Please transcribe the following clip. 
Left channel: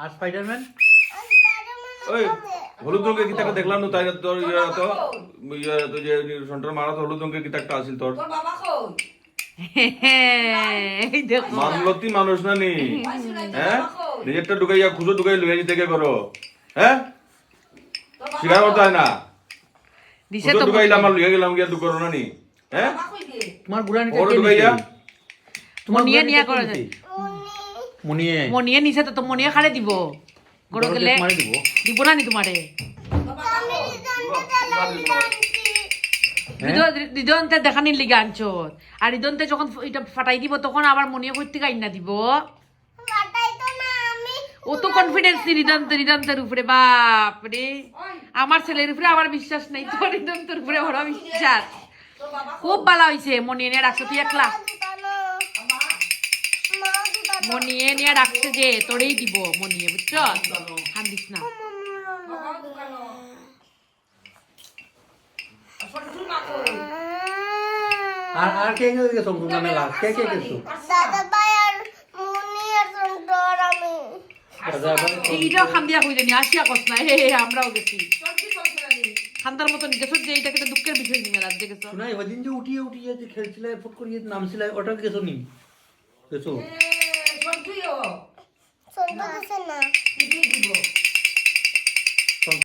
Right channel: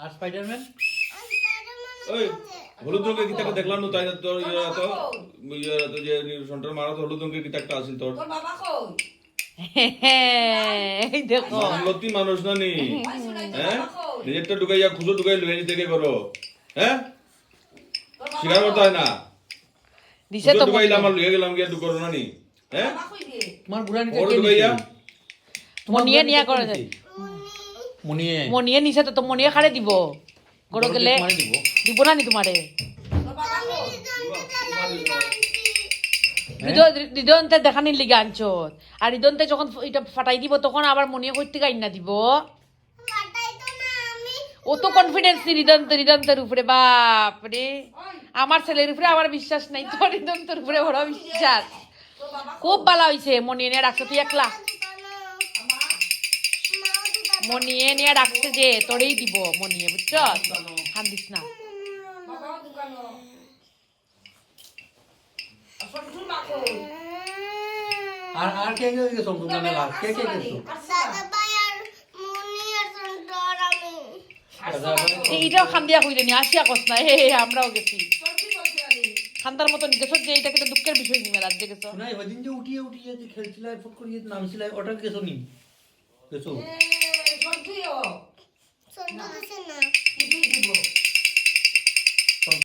আর Spiderman ওই হলুদ রঙের কিতাকে দেখলাম না তাই না তোর তো যে সন্টার মারা তো হলুদ রঙের কিতাকটা আছিল তোর বাবা কই এই দেখো মানলতি মানুষ না নি হ্যাঁ নিজেরটা ঢুকাইয়া খুঁজো ঢুকাই লইয়া থেকে করো হ্যাঁ শিকার করতে হয় না দিছে খুঁজো তো ঢুকাইলে আমার লইয়া গেলাম গিয়া ঢুকারো না নি হ্যাঁ বাবা কই গে তোমার বুড়া নিতে ওর ঢুকাইয়া তোমার মনিয়ে বুড়া নিয়া নিতে করে কে নিতে? মনিয়ে মনিয়ে নিছে তো মনিয়ে খাড়ে দিব গড় গেলে মারি দিব দিব না নি তোমারে দিদন্তে দেখানি লিগে আনছো আর দিদন্তে যখন এটা ফাটাই দিব তখন আবার মনিয়ে করতে গাইন না দিব ও তো কনফিডেন্স নি দিদন্তের উপরে বাপ রে আমার ছেলের উপরে আবার বিশ্বাস নাই তো দিদন্তের উপরে বড় বিশ্বাস খুব ভালো হয়েছে মনিয়ে নিয়ে রাখছো তুই একলা মনিয়ে নিয়ে রাখছে যে তোরেই দিব মনিয়ে বুঝছ কান্দিস না বাবা দোকানো আসল তুই মা কই আর কে কে গেছো তোমরা মেলা কে কে গেছো দাদা ভাই আর মুনি আর সুন্দর আমি দাদা ভাই এইটাও খান্দিয়া কইলে নি আসিয়া কস না হে আমরাও গেছি খান্দার মতন গেছো যে এইটা কিন্তু দুঃখের বিষয় নিয়ে রাজ্যে গেছো শোনাই ওদিন যে উঠিয়ে উঠিয়ে যে খেলছিলে ফুট করিয়ে নামছিলে ওটা গেছো নি গেছো এ সব তুইও সুন্দর আছে না কি দিব